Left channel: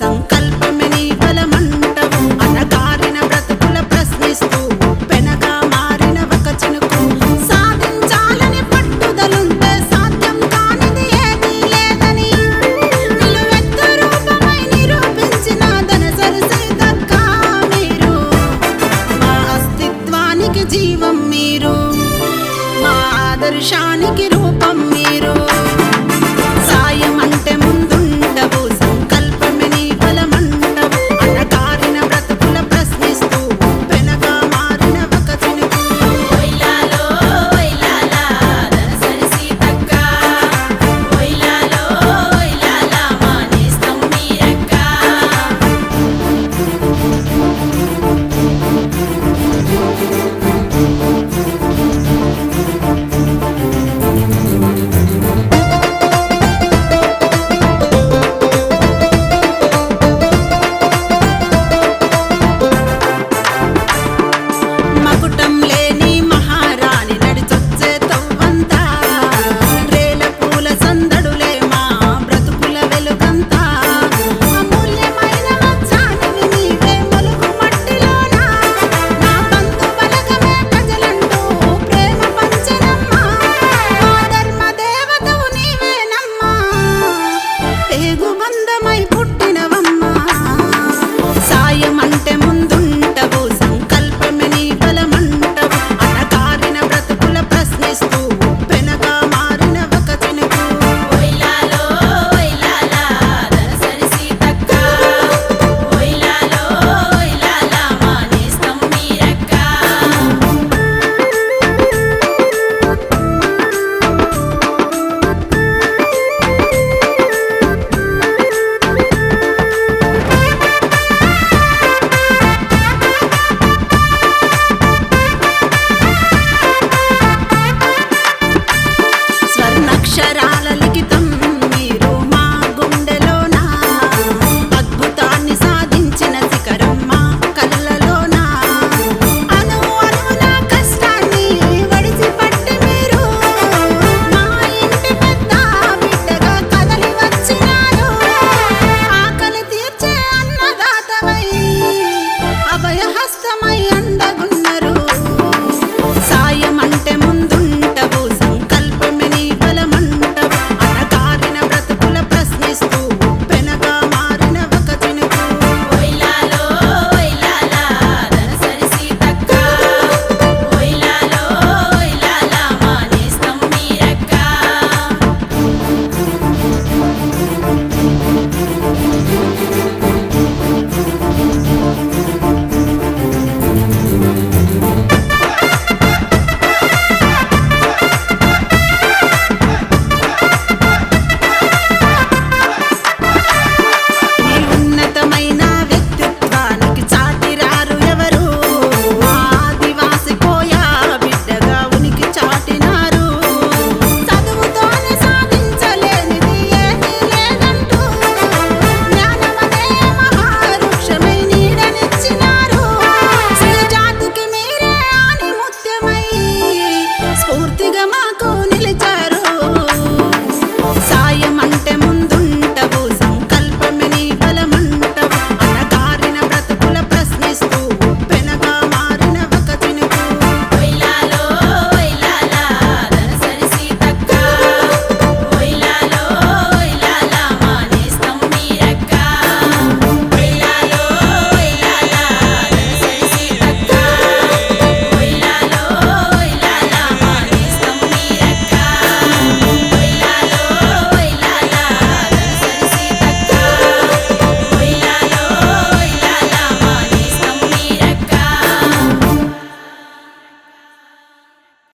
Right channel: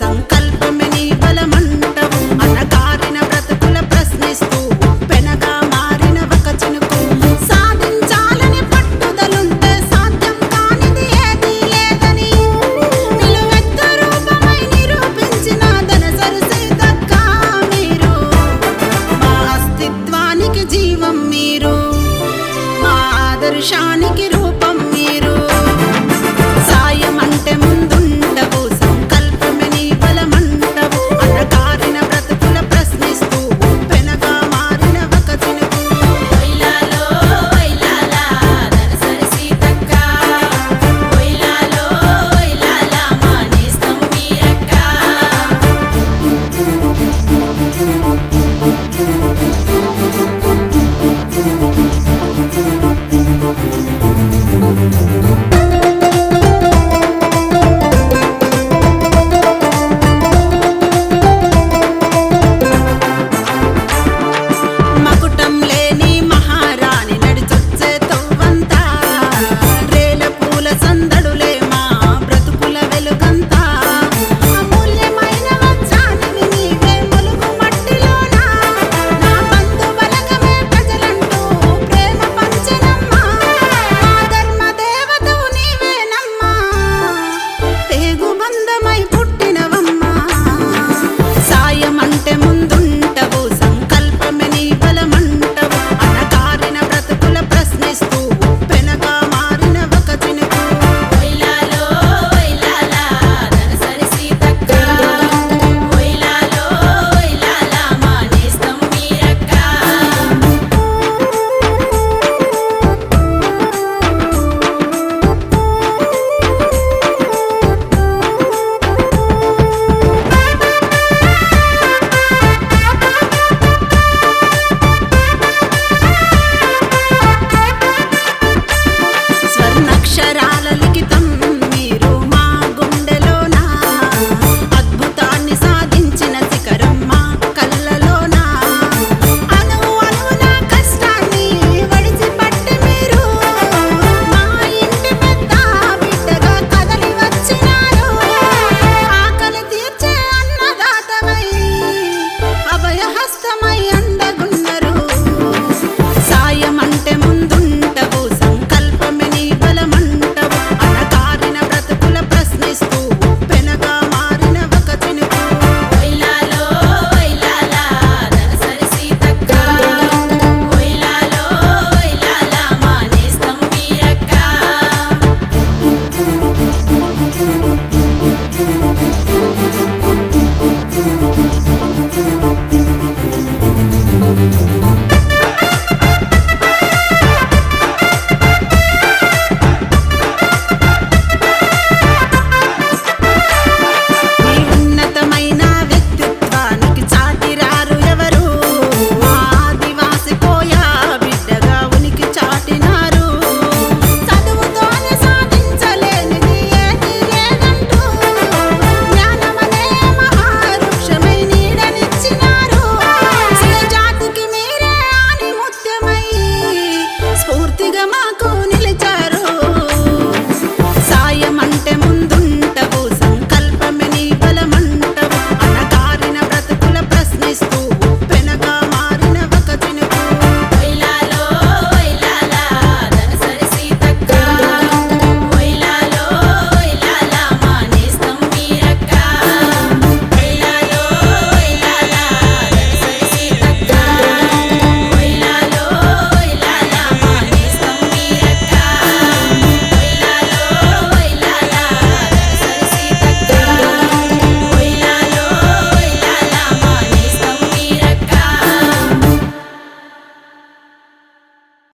సంకల్పమే నీ బలమంటవు. అనగారిన బ్రతుకుల ప్రశ్నిస్తూ పెనగా మారిన ఒక చినుకు. సాధించాలని పట్టుదలుంటే సాధ్యం కానిది ఏదీ లేదని నిలువెత్తు రూపమై నిరూపించిన ధనసరి సీతక్క మీరు. మా అస్తిత్వానికి జీవం మీరు, మా ఆదర్శానికి రూపం మీరు. సాయం అంటే ముందుండవు, సంకల్పమే నీ బలమంటవు. అనగారిన బ్రతుకుల ప్రశ్నిస్తూ పెనగా మారిన ఒక చినుకు. వైలాలో వైలాలా ధనసరి సీతక్క, వైలాలో వైలాలా మా నేస్తం మీరక్క. మకుటం లేని మహారాణి నడిచొచ్చే తవ్వంతా, రేల పూల సందడులే మా బ్రతుకుల వెలుగంతా. అమూల్యమైన వజ్రానివి నీవే మొలుగు మట్టిలోనా, నా బంధు బలగమే ప్రజలంటూ ప్రేమ పంచెనమ్మా. మా ధర్మ దేవతవు నీవేనమ్మా, పేగు బంధమై పుట్టినవమ్మా. సాయం అంటే ముందుంటవు, సంకల్పమే నీ బలమంటవు. అనగారిన బ్రతుకుల ప్రశ్నిస్తూ పెనగా మారిన ఒక చినుకు. వైలాలో వైలాలా ధనసరి సీతక్క, వైలాలో వైలాలా మా నేస్తం మీరక్క. స్వర్ణాక్షరాల లిఖితం మీరు మా గుండెలోనా, అద్భుతాన్ని సాధించిన శిఖరం మా కళ్ళలోనా. అణువు అణువున కష్టాన్ని వడిసిపట్టి మీరు మా ఇంటి పెద్ద బిడ్డగా కదలి వచ్చినారు. ఆకలి తీర్చే అన్నదాతవై అభయహస్తమై అందగున్నరు. సాయం అంటే ముందుంటవు, సంకల్పమే నీ బలమంటవు. అనగారిన బ్రతుకుల ప్రశ్నిస్తూ పెనగా మారిన ఒక చినుకు. వైలాలో వైలాలా ధనసరి సీతక్క, వైలాలో వైలాలా మా నేస్తం మీరక్క. నీ ఉన్నతమైన వ్యక్తిత్వానికి చాటిరారు ఎవరు, మా ఆదివాసి కోయా బిడ్డగా ఉనికి చాటినారు. చదువుతోనే సాధించలేనిది ఏదీ లేదంటూ జ్ఞానమనే మహావృక్షమై నీడనిచ్చినారు. స్త్రీ జాతికి మీరే ఆణిముత్యమై స్ఫూర్తిగా మాకు నిలిచారు. సాయం అంటే